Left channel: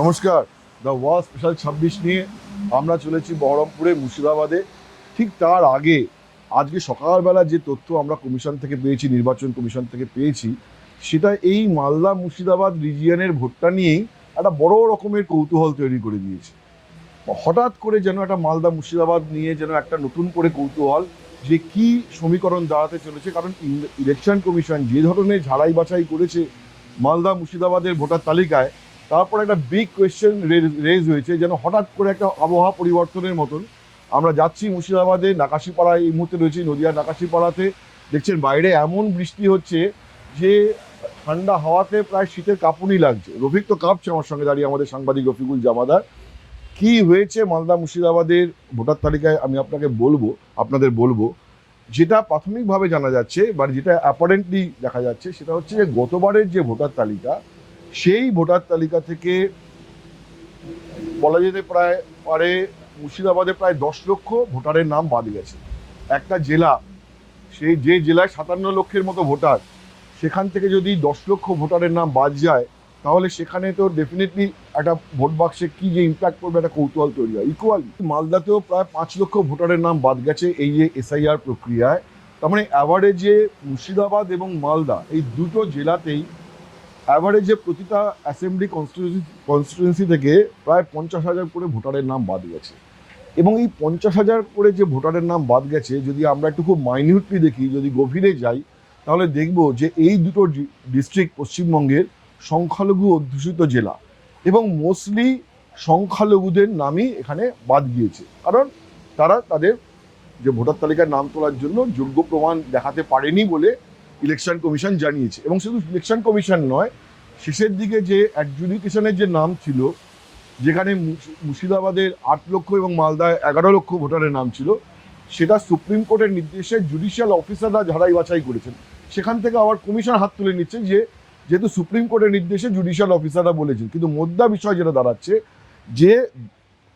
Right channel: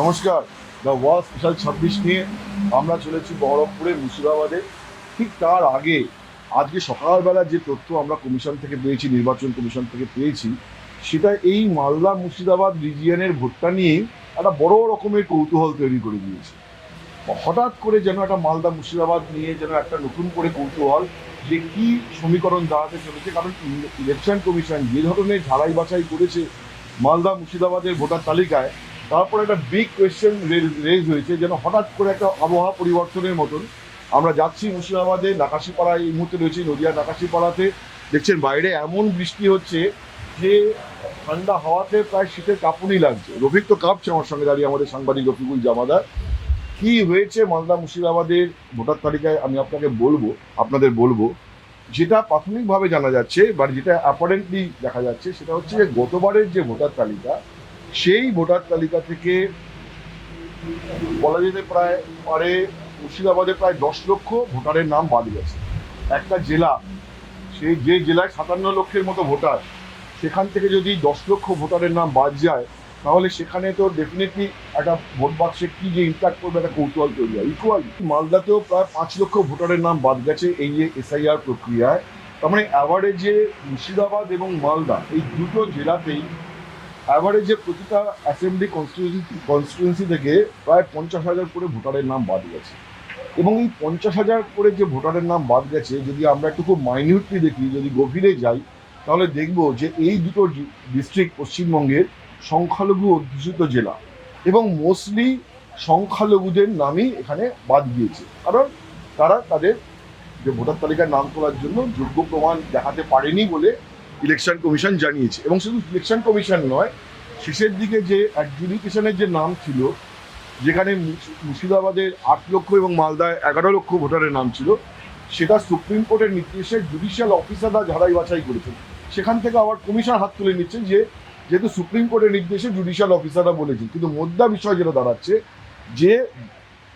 নমস্কার। The wall special 26 নিয়ে আমরা চলেছি বহরমপুরে মুর্শিদাবাদে। ঠিক তার আগে আজকে সকালবেলা যে তথ্য আমরা কমিশন থেকে পেয়েছি, নির্বাচন কমিশন থেকে পেয়েছি, সেটা এই মালদা মুর্শিদাবাদ রিজিয়নের ভোটটা নিয়েই একটা বড় রকমের কৌতূহল তৈরি করে দিয়েছে। হঠাৎ করে যেন একটা মালদা মুর্শিদাবাদ নিয়ে যেন একটা নতুন করে কৌতূহল, যে কি সমীকরণ দাঁড়াতে চলেছে। কারণ ইলেকশন কমিশন যে ধরনের ঝাড়াই বাছাই করেছে মালদা মুর্শিদাবাদের ভোটার তালিকায়, তারপর একটা বিগ কোয়েশ্চেন রেজ হয়েছে, যেন হঠাৎ করে একটা আবহাওয়া পরিবর্তনের মতন। আমরা যাচ্ছি মুর্শিদাবাদে, নাকাশিপাড়ায় এই মুহূর্তে রয়েছে, নদিয়া নাকাশিপাড়াতে দেখছেন বাইরে এমন বৃষ্টি হচ্ছে যে ঠান্ডা হাওয়াতে প্রায় শীতের কাঁপুনি লাগছে। রফিক তো কাঁপছে আমার সঙ্গে দাঁড়িয়ে, আমাদের সাংবাদিক রফিকুল জামাদার। কি হয়েছে মালদা মুর্শিদাবাদের ভোটার তালিকায় আমি আপনাদের বলবো। যেটা প্রাথমিকভাবে জানা যাচ্ছে বা যেটা অ্যাপারেন্টলি দেখা যাচ্ছে, সেটা হচ্ছে যে গতবারের যে ভোটার তালিকা, সেই ভোটার তালিকা থেকে বলা যেতে পারে মুর্শিদাবাদে প্রায় 10 লক্ষ ভোটারের নাম বাদ গেছে। একটা জেলা, সেই যে জেলায় 57 লক্ষের মতো ভোটার, সেখান থেকে যদি 10 লক্ষ ভোটারের নাম বাদ যায়, তাহলে সেখানে তো ডেফিনেটলি একটা ভোট বাক্সে কি যে ইম্প্যাক্ট করবে একটা কৌতূহল তৈরি হয়। ইকুয়াল মালদাতেও প্রায় 5 লক্ষ ভোটারের নাম বাদ গেছে এই যে এসআইআর প্রক্রিয়ায়। তার মানে অ্যাভারেজে মুর্শিদাবাদ এবং মালদা এই দুটো জেলাতেই অ্যাভারেজে প্রতিটা অ্যাসেম্বলি কনস্টিটুয়েন্সি থেকে প্রায় 50,000 করে ভোটারের নাম বাদ গেছে। এবং এই 50,000 করে যে ভোটারের নাম বাদ গেছে, যদি আমরা একটু খুব মাইনিউটলি দেখি, যদি গভীরে যাই, তাহলে দেখব যে এই দুটো ডিস্ট্রিক্ট পশ্চিমবঙ্গের সংখ্যালঘু অধ্যুষিত জেলা, এবং মোস্টলি সংখ্যালঘুদের নামই এখানে বাদ গিয়েছে। কারণ তারা তাদের যে ভোটার তালিকায় নাম তোলার জন্য যোগ্য প্রমাণ দেখাতে পারেনি বলে ইলেকশন কমিশন জানিয়েছে। এবং শুধু ইলেকশন কমিশন নয়, শেষের দিকে যে অ্যাডজুডিকেশনের যে নাম ছিল, যেখানে মুর্শিদাবাদের 8 লক্ষ এবং মালদায় 11 লক্ষ ভোটারের নাম ছিল, সেটা সুপ্রিম কোর্টের নির্দেশে জুডিশিয়াল অফিসাররা ঝাড়াই বাছাই করেছেন। সেখান থেকে আবার কমিশন হাত তুলে নিচ্ছে, যে যেহেতু সুপ্রিম কোর্টের নির্দেশে জুডিশিয়াল অফিসাররা বলেছেন। কিন্তু মোদ্দা বিষয় যেটা দাঁড়াচ্ছে, যে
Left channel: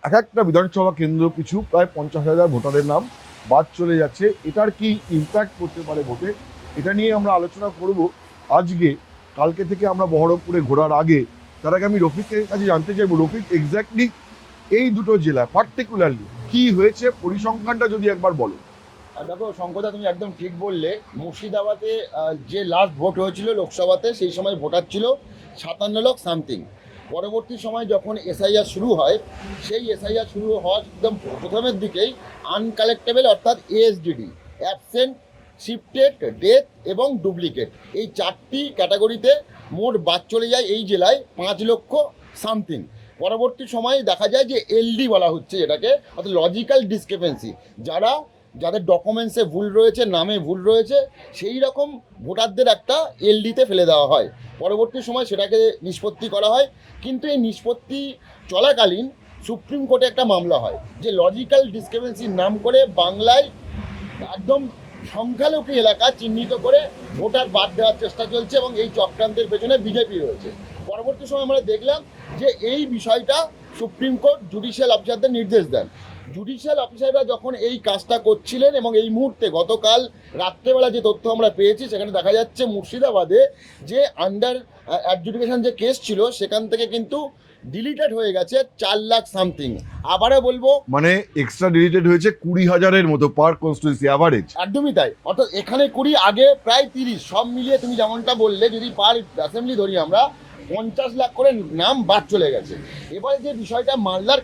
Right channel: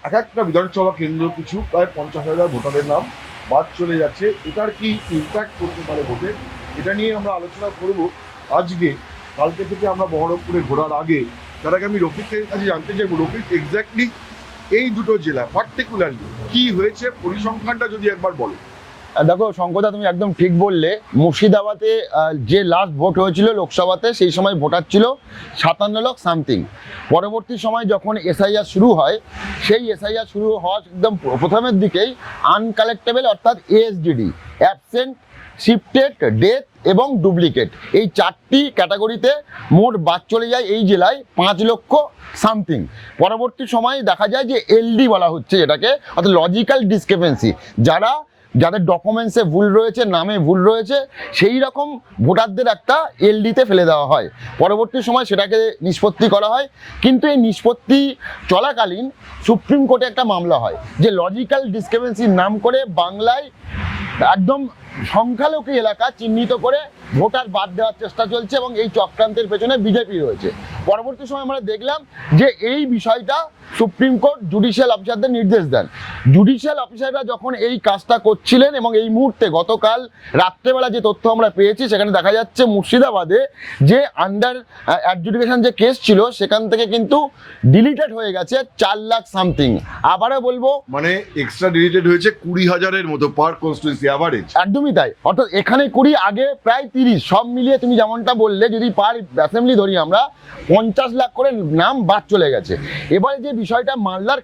এক একটা বিধানসভা কেন্দ্র পিছু প্রায় 50,000 ভোটারের নাম বাদ চলে যাচ্ছে। এটার কি ইম্প্যাক্ট করতে পারে ভোটে, এটা নিয়ে আমরা আলোচনা করব আজকে। কালকে থেকে আমরা বহরমপুরে ঘোরার আগে, তার আগে আমি রফিকের কাছে জানতে চাইবো, রফিক এক্স্যাক্টলি এই দুটো জেলা পার্টিকুলারলি কি হয়েছে, পরিসংখ্যানটা যদি একবার বলো। দেখো শঙ্করদা, তুমি একদম ঠিক বললে। মুর্শিদাবাদে যে লাস্ট ভোট হয়েছিল লোকসভাতে, সেই সময় ভোটার ছিল 57 লাখ সামথিং। পরবর্তী সময় যখন এসআইআর শুরু হয়, সেই এসআইআর শুরু হওয়ার একদম প্রথমের দিকেই আনকালেক্টেবল অর্থাৎ এএসডিডি, অ্যাবসেন্ট, শিফটেড, ডেথ এবং ডুপ্লিকেট, এই 4টি ক্যাটাগরিতে মোট বাদ চলে যায় এই জেলায় 5 লক্ষ সামথিং। পরবর্তী সময়ে দেখা যায় যে এলডি বলা হচ্ছে এটাকে, অর্থাৎ লজিক্যাল ডিসক্রিপেন্সি, যাদের ডকুমেন্টসে ভুল রয়েছে, নামে ভুল রয়েছে, সেই রকম ভোটারদের একটা এলডিতে ফেলে দেওয়া হয়। পরবর্তী সময় সেটাকে নিষ্পত্তি করা হয়। কিন্তু এই নিষ্পত্তি চলাকালীন সুপ্রিম কোর্টে একটা মামলা হয়, যে লজিক্যাল ডিসক্রিপেন্সির নাম করে বাংলায় একদম সংখ্যালঘু এলাকা চিহ্নিত করে ভোটার বাদ দেওয়ার চেষ্টা চলছে, এবং এই চক্রান্তের পেছনে বিজেপি রয়েছে। পরবর্তী সময় আমরা দেখলাম যে এই বিষয়টা সুপ্রিম কোর্ট জুডিশিয়াল অফিসারদের নির্দেশ দেন। জুডিশিয়াল অফিসাররা যখন এই কাজটা করছিলেন, এবং এই মুহূর্তে গতকাল রাত্রেবেলা যে তথ্য আমরা পেয়েছি, সেখানে দেখা যাচ্ছে মুর্শিদাবাদে যে আন্ডার অ্যাডজুডিকেশন যে কেস ছিল, সেখান থেকে কিন্তু ডিলিটেড হয়ে গেছে 4 লাখ সামথিং। আবারও বলবো, মানে এক্সট্রা ডিলিটেড হয়েছে 20,000-এর মতো পার কনস্টিটুয়েন্সি অ্যাভারেজ। একদমই তাই। অর্থাৎ এখানে 20, আগে প্রায় 30, সব মিলিয়ে তুমি যেমনটা বললে, যদি পার অ্যাসেম্বলি ধরি আমরা, 50 লাখ করে নাম বাদ চলে গেছে। এবারে যে বিষয়টা মালদার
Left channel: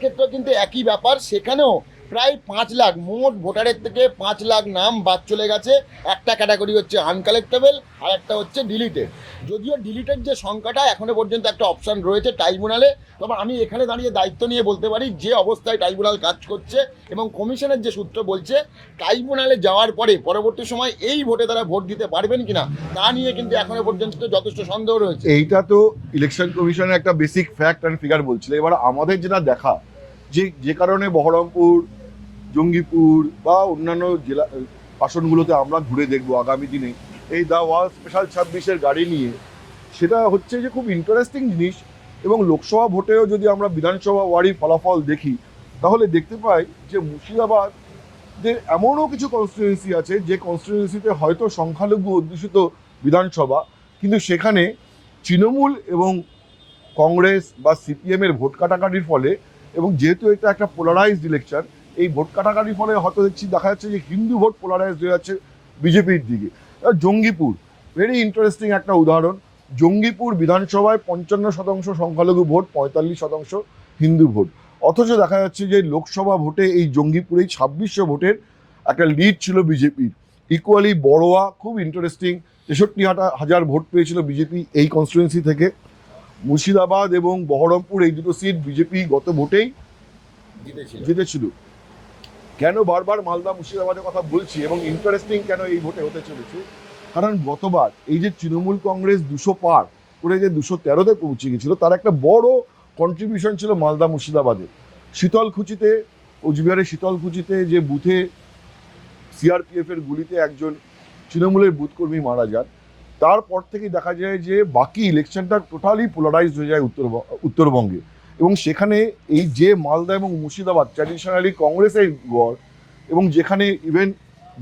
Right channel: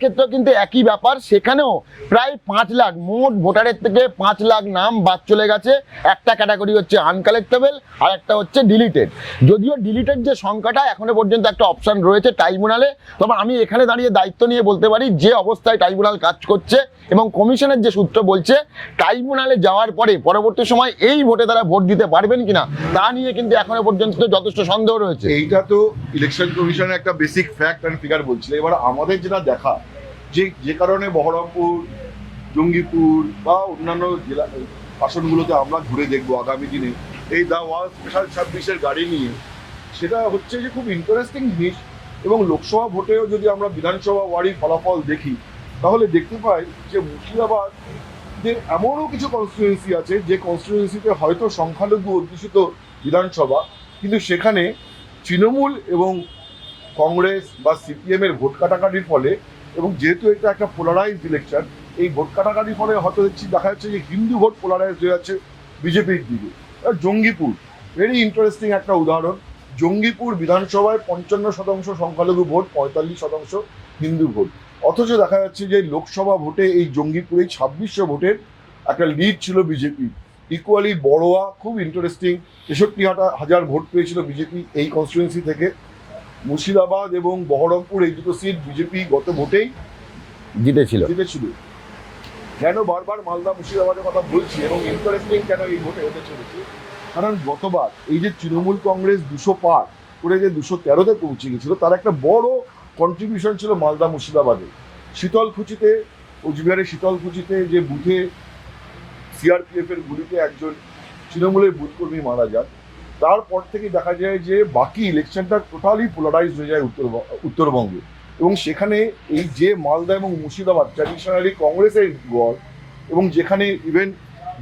ক্ষেত্রেও কিন্তু একই ব্যাপার। সেখানেও প্রায় 5 লাখ, মোট ভোটারের থেকে 5 লাখ নাম বাদ চলে গেছে। একটা ক্যাটাগরি হচ্ছে আনকালেক্টেবল, আর একটা হচ্ছে ডিলিটেড। যদিও ডিলিটেড যে সংখ্যাটা, এখনো পর্যন্ত একটা অপশন রয়েছে ট্রাইব্যুনালে। তবে আমি এখানে দাঁড়িয়ে দায়িত্ব নিয়ে বলতে পারি, যে অবস্থায় ট্রাইব্যুনাল কাজ করছে এবং কমিশনের যে সূত্র বলছে, ট্রাইব্যুনালে যাওয়ার পরে পরবর্তী সময় এই ভোটে তারা ভোট দিতে পারবেন কিনা, তা নিয়ে কিন্তু এখনো পর্যন্ত যথেষ্ট সন্দেহ রয়েছে। এইটা তো ইলেকশন কমিশনের একটা বেসিক ফ্যাক্ট অ্যান্ড ফিগার বলছিল। এবার আমাদের যেটা দেখা, যে কারণে বহরমপুর, জঙ্গিপুর বা অন্যান্য জেলা আসনগুলোতে আমরা ঘুরে দেখবো আগামী দিনে এই দ্য ওয়াল স্পেশাল 26-এর গাড়ি নিয়ে, সেটা হচ্ছে যে খুব ইন্টারেস্টিং জিনিস। এবং লোকসভা ভোটেও যদি আমরা বিধানসভা ওয়ারি ফলাফল দেখি, তাহলে দেখতে পাই যে মুর্শিদাবাদে এমনও কিছু কনস্টিটুয়েন্সি আছে, যে কনস্টিটুয়েন্সিতে হয়তো সংখ্যালঘু অধ্যুষিত বিধানসভা, কিন্তু সেখানে তৃণমূল এবং কংগ্রেস বা সিপিএম এর ভোট কাটাকাটির ফলে, এবং যেহেতু এটা একটা পোলারাইজড ইলেকশন, এই ভোট কাটাকাটির ফলে হয়তো দেখা যাচ্ছে যে হিন্দু ভোট পোলারাইজড হয়ে যাচ্ছে বিজেপির দিকে। জঙ্গিপুর ভেরি ইন্টারেস্টিং একটা উদাহরণ। জঙ্গিপুর বিধানসভায় 55% সংখ্যালঘু ভোট, 45% হিন্দু ভোট, অথচ দেখা যাচ্ছে যে লোকসভা ভোটে এই জঙ্গিপুরে 2600 ভোটের একটা লিড ছিল বিজেপি। ইকুয়ালি বড়োয়া খুব ইন্টারেস্টিং, 63,000 ভোট পেয়েছিল বিজেপি এই কনস্টিটুয়েন্সি থেকে। মুর্শিদাবাদ এবং বহরমপুর এই দুটো সিট বিজেপি গত ভোটেই জিতেছিল। কেন বারবার মালদা মুর্শিদাবাদের কথা বলছি এবং ইন্টারেস্টিং কেন এই ভোটে হতে চলেছে, কারণ গতবার এই যে তৃণমূল কংগ্রেস 200 পার করে যে 213-তে পৌঁছে গেছিল, তার একটা বড় কন্ট্রিবিউশন ছিল মালদা মুর্শিদাবাদে। শীতলকুচিতে, কোচবিহারের শীতলকুচিতে যে বুথে সিআরপিএফ এর গুলিতে একজন তৃণমূলের বুথকর্মী মারা যায়, তারপর থেকেই দেখা যায় যে বাকি ইলেকশনটা টোটালি পোলারাইজড হয়ে যায় উত্তরবঙ্গে। এবং সেখানে এই যে মালদা এবং মুর্শিদাবাদ ট্র্যাডিশনালি কংগ্রেসের গড়, এবং যেখানে ইভেন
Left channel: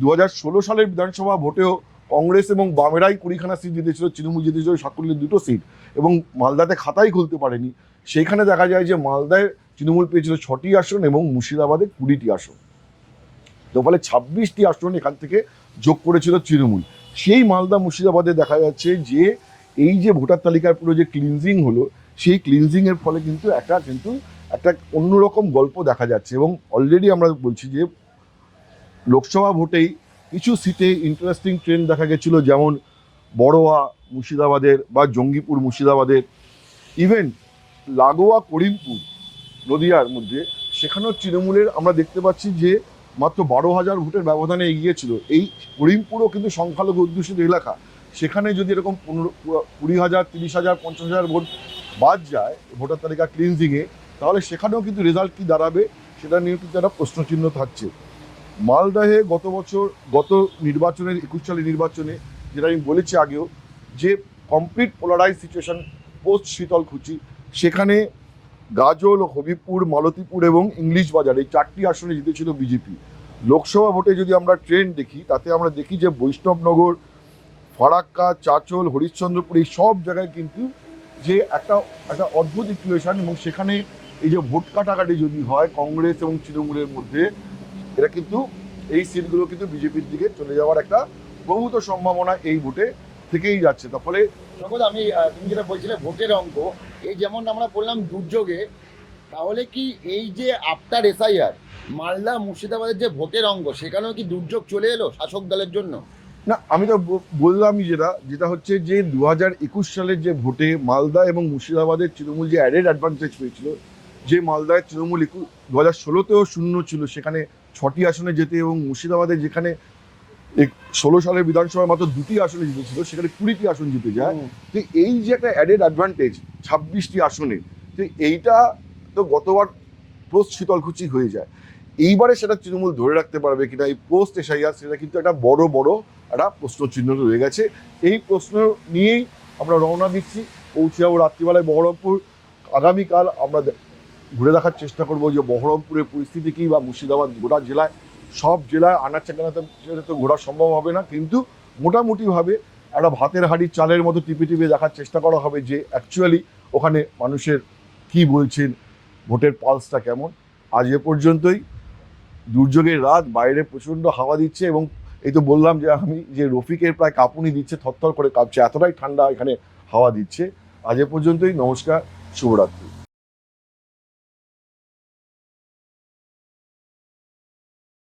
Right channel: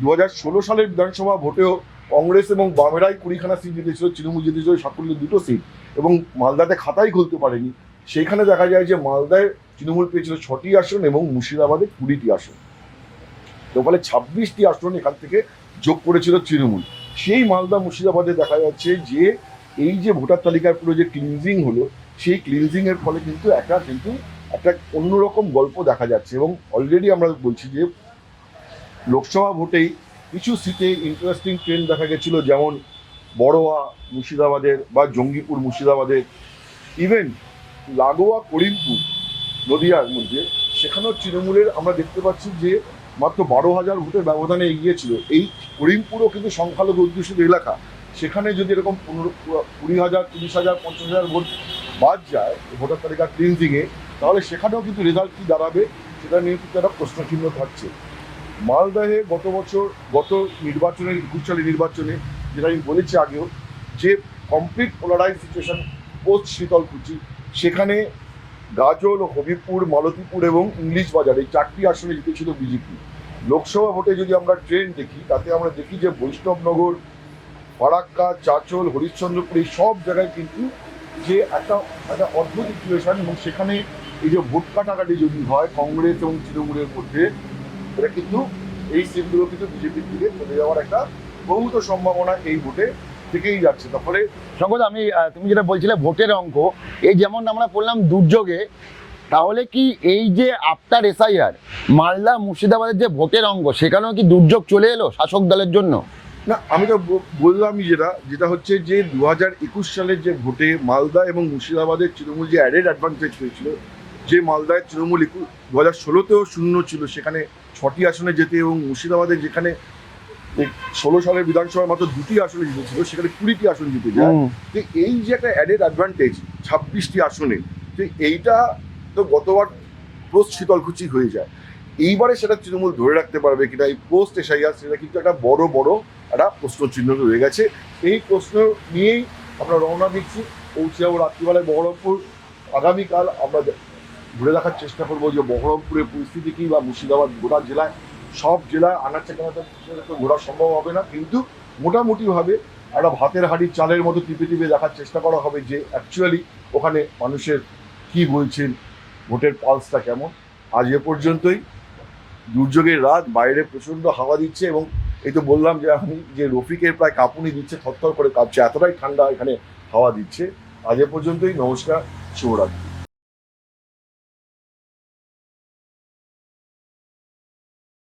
2016 সালের বিধানসভা ভোটেও কংগ্রেস এবং বামেরাই 20খানা সিট জিতেছিল, তৃণমূল জিতেছিল সাতক্ষীরার 2টো সিট, এবং মালদাতে খাতাই খুলতে পারেনি। সেখানে দেখা যায় যে মালদায় তৃণমূল পেয়েছিল 6টি আসন এবং মুর্শিদাবাদে 20টি আসন, ফলে 26টি আসন এখান থেকে যোগ করেছিল তৃণমূল। সেই মালদা মুর্শিদাবাদে দেখা যাচ্ছে যে এই যে ভোটার তালিকার পুরো যে ক্লিনজিং হলো, সেই ক্লিনজিং এর ফলে কিন্তু একটা অন্যরকম গল্প দেখা যাচ্ছে। এবং অলরেডি আমরা বলছি যে লোকসভা ভোটেই কিছু সিটে ইন্টারেস্টিং ট্রেন্ড দেখা গেছিল, যেমন বড়োয়া মুর্শিদাবাদের বা জঙ্গিপুর মুর্শিদাবাদের, ইভেন লাগোয়া করিমপুর নদিয়ার মধ্যে, সেখানেও তৃণমূলের আমরা দেখতে পাচ্ছি যে মাত্র 12,000 ভোটের ব্যবধানে এগিয়ে ছিল। এই করিমপুরও কিন্তু সংখ্যালঘু অধ্যুষিত এলাকা, সেখানে যদি এরকম 20,000, 30,000, 50,000 ভোট বাদ যায় ভোটার তালিকা ক্লিনজিংয়ে, তাহলে সেখানেও কিন্তু রেজাল্ট কি দাঁড়াবে সেটা নিয়ে কিন্তু একটা প্রশ্নচিহ্ন থাকছে। মালদাহে গত নির্বাচনের 21 সালের নির্বাচনে, যেটা আমি বলেছি আগেও, যে complete polarise situation post Sitalkuchi, সেখানে গাজল, হবিপুর, মালতীপুর এবং ইংলিশ বাজারে 4টি আসনে জিতেছিল বিজেপি। লোকসভা ভোটে যদি আমরা ট্রেন্ড দেখি, তাতে আমরা দেখি যে বৈষ্ণবনগর, ফারাক্কা, চাচল, হরিশ্চন্দ্রপুর এই সব জায়গায় কিন্তু যে একটা অদ্ভুত ইকুয়েশন, এবং সেখানে এই যে ভোট কাটাকাটি যদি হয় কংগ্রেস এবং তৃণমূলের মধ্যে, এটা কিন্তু এই সিটগুলো কিন্তু বিজেপির দিকে চলে যাওয়ার একটা বহুত সম্ভাবনা এই ভোটে থেকেই যাচ্ছে। তারপরে শঙ্কর, তুমি যেটা বলছিলে ভোটের অঙ্ক, এই যেমন আমরা বললাম দুর্যোগে, তাহলে কি এই যে আফটার এসআইআর মালদা মুর্শিদাবাদের যে ভোটের অঙ্ক, সেখানেও কি দুর্যোগ চলে এলো শাসক দলের জন্য? না, আমি তো বললামই যেটা হচ্ছে যে 2021 সালের যে ভোটে মালদা এবং মুর্শিদাবাদের তৃণমূল যে অ্যাডেড অ্যাডভান্টেজ পেয়েছিল, যে মালদায় তৃণমূল 2016-তেও শূন্য ছিল, সেখানে 6টি আসনে যেতে, এবং মুর্শিদাবাদে যেখানে 16 সালের বিধানসভায় মাত্র 2টি আসনে জিতেছিল, সেখানে 20টি আসন জিতে যায়। তো এই যে একটা অ্যাডেড অ্যাডভান্টেজ 26টি আসনে, তো এইটা তো গতবার পোস্ট শীতলকুচি হয়ে যায়। এইবারে সেটা তৃণমূল ধরে রাখতে পারবে কিনা এই পোস্ট এসআইআর, সেটা কিন্তু একটা বড় একটা প্রশ্নচিহ্ন রয়ে গেছে। এই প্রশ্ন নিয়েই আমরা রওনা দিচ্ছি, পৌঁছে যাবো রাত্রিবেলায় বহরমপুর। আগামীকাল আমরা ঘুরে দেখার চেষ্টা করবো যে বহরমপুরের পরিস্থিতি কি, বা মুর্শিদাবাদ গোটা জেলায়, সব জেলায় আনাচে কানাচে তো ঘোরা সম্ভব হবে না, কিন্তু মোটামুটিভাবে একটা ভাতের হাঁড়ি চালের মতো টিপে দেখার চেষ্টা করা হবে যে অ্যাকচুয়ালি ওখানে মানুষের কি বলছেন, ভোটের পালসটা কেমন। আজ এ পর্যন্তই। দুর্যোগের রাত, বাইরে প্রচণ্ড হাওয়া দিচ্ছে, এবং এই তো বললাম যে রফিকের প্রায় কাঁপুনি দিচ্ছে, থরথর করে কাঁপছে, এতটাই ঠান্ডা এখানে হাওয়া দিচ্ছে। আজ এ পর্যন্তই, নমস্কার, শুভরাত্রি।